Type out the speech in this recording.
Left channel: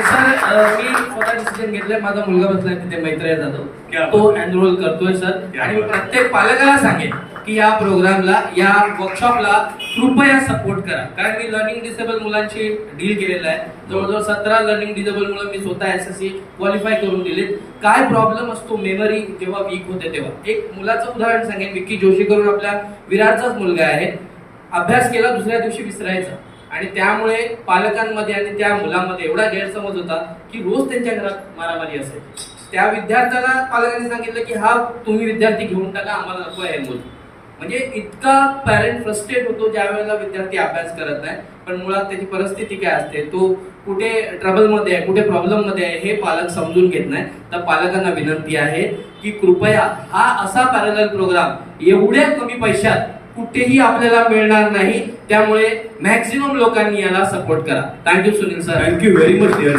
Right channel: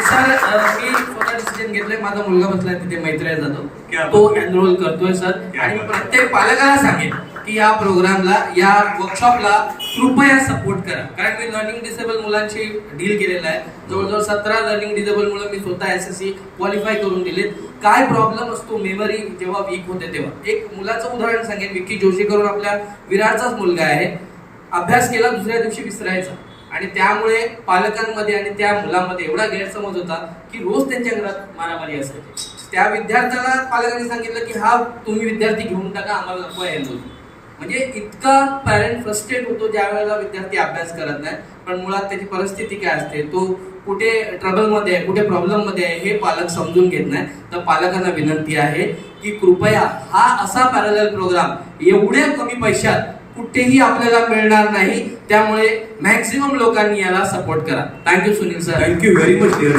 Sir मी स्वतः decision घेतलंय. माझा मुलगा बसलाय तिथे मैत्रेय क्या जातो, तो बात. एनरोल करतोय सर. क्या आणि मी बात. प्रत्येक पालकाला सांगेन की या प्रोग्रामला, या वर्कशॉपला कृपया सपोर्ट करा. कारण मी लर्निंग डिसेबल मुलांशी डील केलेलं आहे. जवळजवळ 17 लर्निंग डिसेबल मुलं मी स्वतः SSC क्वालिफाय करून दिलेत. काय प्रॉब्लेम असतो मेमरी जेव्हा वीक होते तेव्हा. एक मुलाचं उदाहरण सांगेन. विक्की जोशी करून आपल्या विरारचाच मुलगा आहे. अभ्यास केला, दुसऱ्या दिवशी विसरायचा. आणि त्यामुळे पालकांमध्ये आणि त्या मुलामध्ये एवढा गैरसमज होता की रोज त्यांच्या घरात मारामारी असायची. त्या विद्यार्थ्याला पालकांनी सांगितलं की हा तुम्ही विद्यार्थी घेऊन टाका, आम्हाला नको आहे मूल. म्हणजे इतका पॅरेंट फ्रस्ट्रेट होतो ज्या वेळेला विद्यार्थी अभ्यास करत नाही. पण मुळात त्याची परिस्थिती काय असते, तो कुठे ट्रबलमध्ये आहे, कुठे प्रॉब्लेममध्ये आहे, हे पालक समजून घेत नाही. तर पालकांना विनंती आहे की कृपया हा असा पॅरलल प्रोग्राम एवढ्या कमी पैशात कुठेही आपल्याला मिळणार नाही. त्यामुळे मॅक्सिमम लोकांनी याला सपोर्ट करा. Thank you Sunil sir. Thank you very much dear.